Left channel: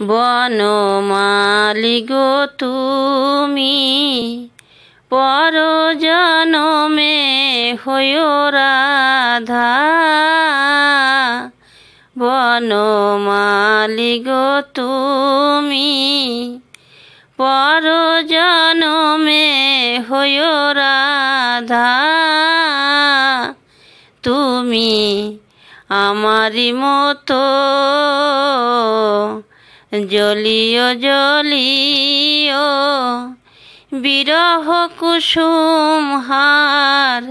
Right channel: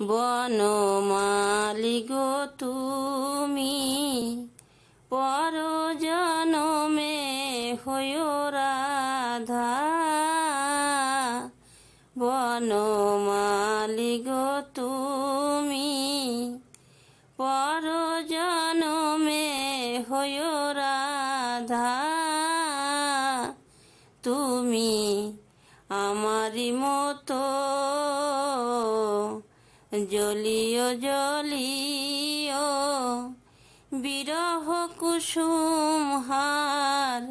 বনমালী গো তুমি পরজনমে হইও রাধা। বনমালী গো তুমি পরজনমে হইও রাধা। তুমি আমারি মতো জ্বলিও জ্বলিও বিরহ কুসুম হার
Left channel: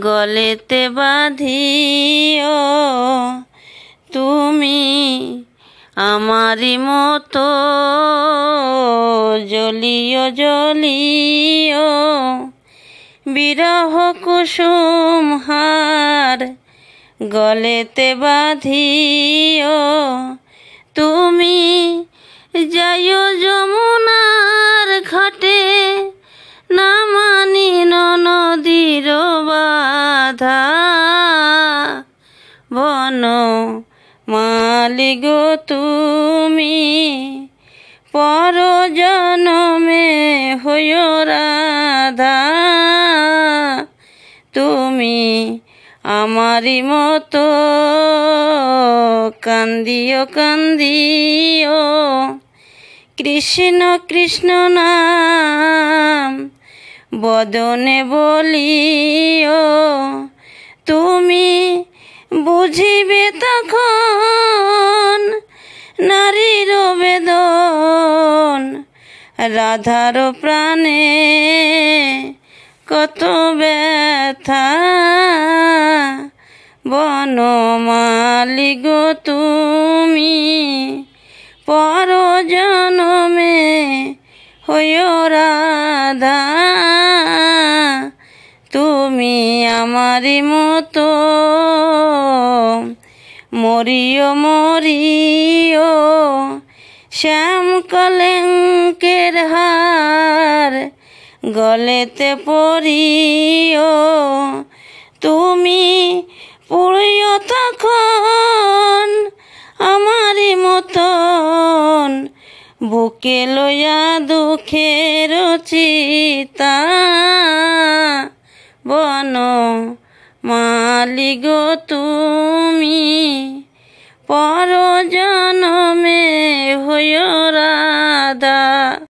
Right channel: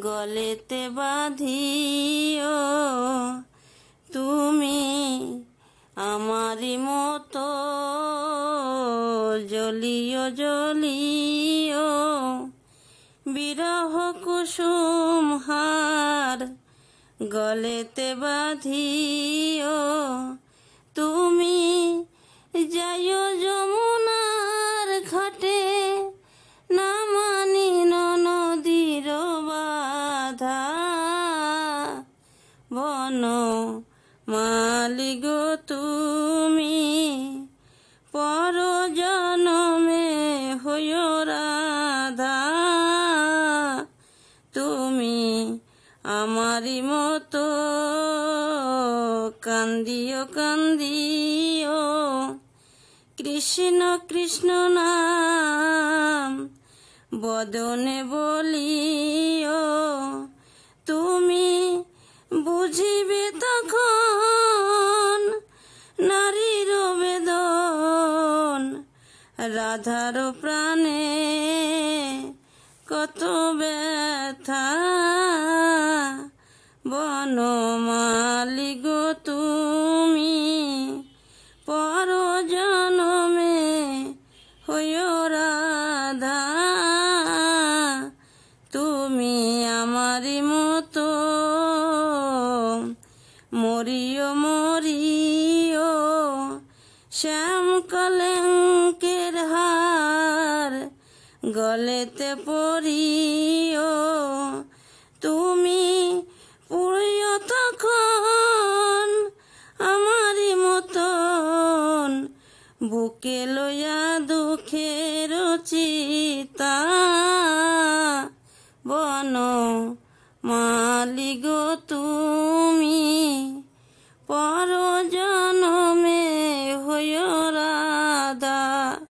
গলেতে বাঁধিও। তুমি আমারি মতো জ্বলিও জ্বলিও বিরহ কুসুম হার গলেতে বাঁধিও। তুমি যাইও যমুনার ঘাটে না মানি নদীর বাধা। বনমালী গো তুমি পরজনমে হইও রাধা। তুমি আমারি মতো কান্দিও কান্দিও কৃষ্ণ কৃষ্ণ নাম বদনে বলিও। তুমি বুঝিবে তখন নারীর বেদন রাধার প্রাণে কত ব্যথা। বনমালী গো তুমি পরজনমে হইও রাধা। তুমি আমারি মতো মরিও মরিও শ্যাম কলঙ্কের হার গলেতে পরিও। তুমি পুড়িও তখন আমারি মতন বুকে লইয়া দুঃখের চিতা। বনমালী গো তুমি পরজ